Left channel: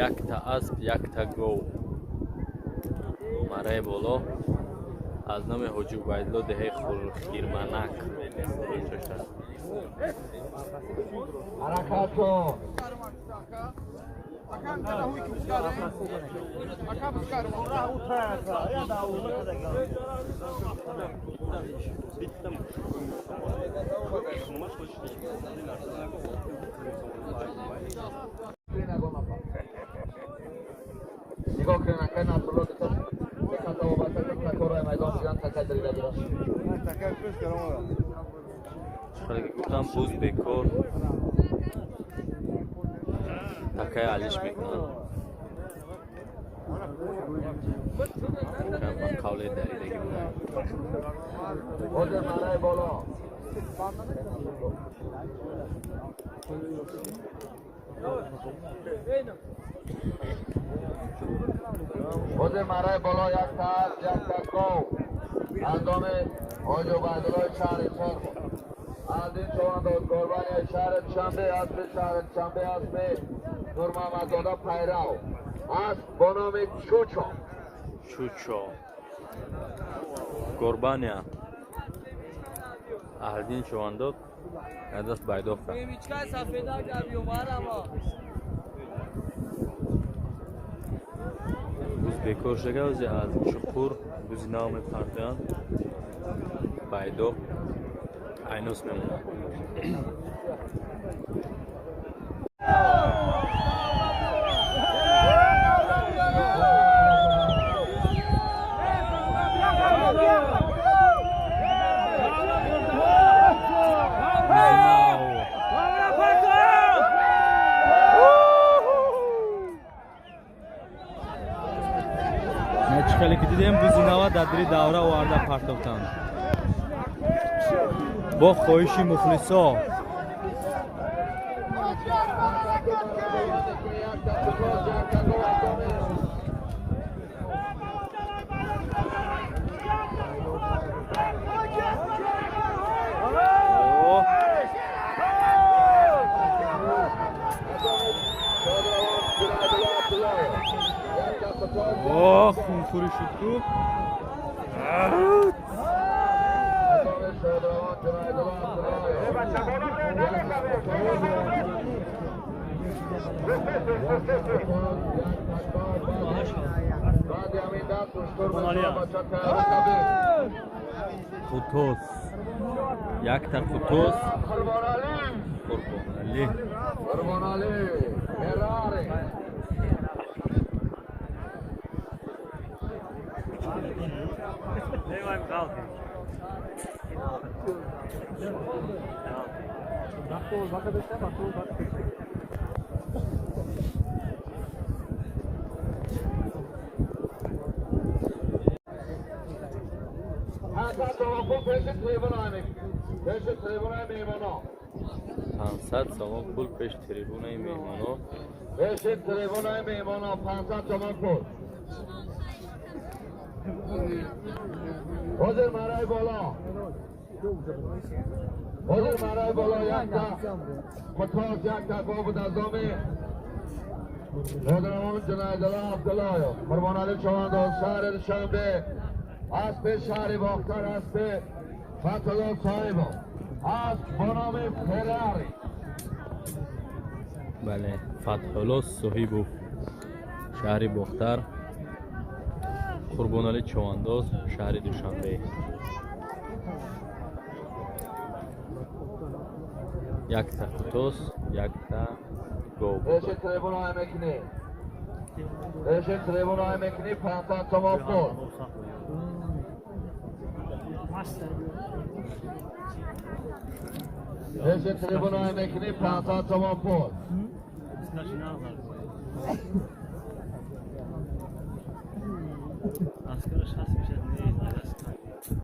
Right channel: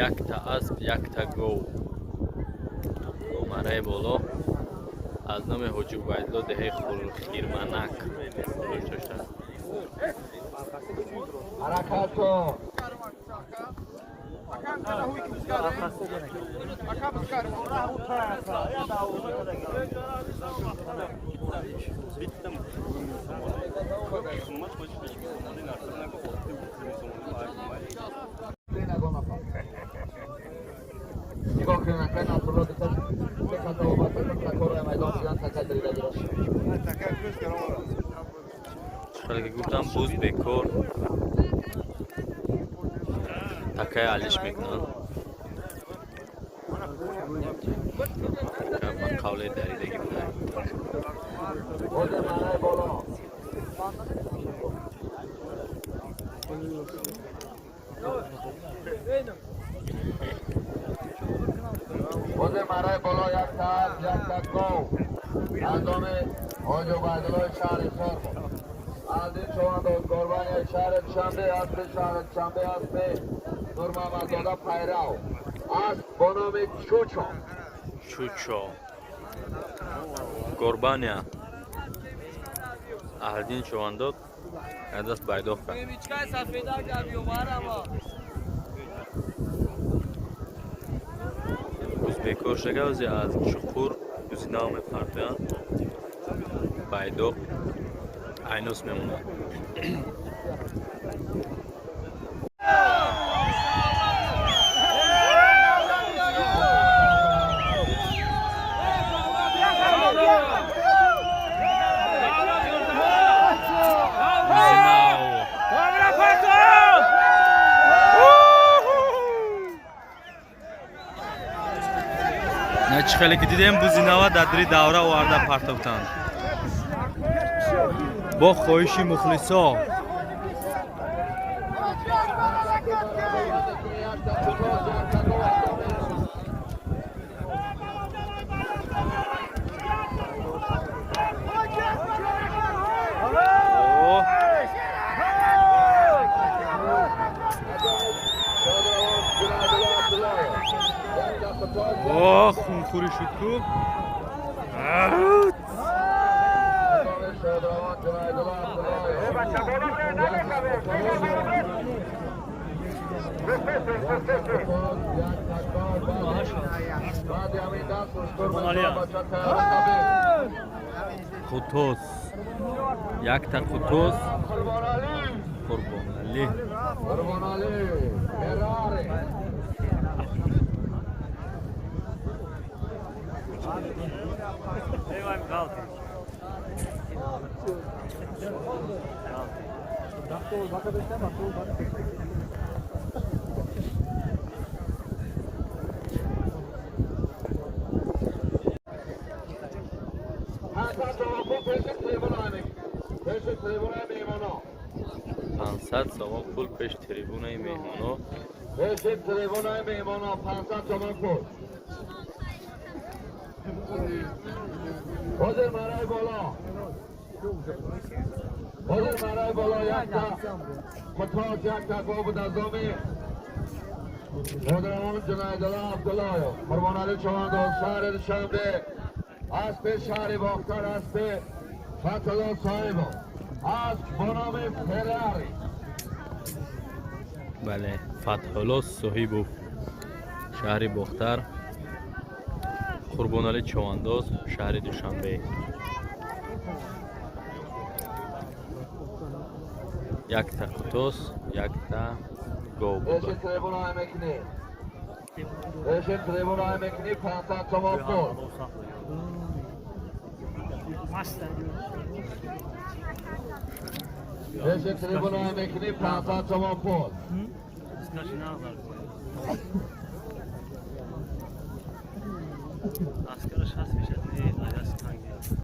якта асп, якта гов. Мараи боло аз номи ҳоҷи убайдулло деҳаи хирманак. نگاه کنن که نصرالله دکتر به خطا و بطر تکار میدان شدن تکر دریده گیرن چخلی که گفتم بوز بکر تکای علیش میکنن که با قول دریدگی بودن بوز مرای بالا بوز مرای بالا یک تا یک تکاو اندام حاج عبیدالله شهر سر بود از این چوانداز گربانی شهر شنبه است شهر شنبه است نور محمدزاده پیرو است با نام چوچو چوچو گربانیا اهلدین چوانداد اداس байдох کرد бекор шагавзи аз чуқур гузинав мепартоянд байдоқ айнус мемонад начхеле ки дидем бузинава дар дили давра оварда партофтанд бо хоҳиши мухлисо خونخوری شد تو قطوس یک تا قطوس قربان علی فراری I'm Galti. پانصد تومان پول پیش تریبونای میهمانا پیش تریبونای میهمانا 500 تومان پول حاضر مرای بالا حاضر مرای بالا یک تا متواز یک تا بود از دامی مدرمان جنایدالله عبدالله قربان علی چوانداز شهر شنبه اسب شهر باختر اسب فتحالله صاحب اسب با نام فراری بله فتحالله صاحب شهر باختر قربان علی چوانداز شهر دوشنبه یک تا قطوس یک تا گو بود ایش تریبون های مکنی ایش تریبون های مکنی 500 تومان پول ایش تریبون های مکنی 500 تومان پول Askerler şahs bir şey değil, ailesi takip ediyor.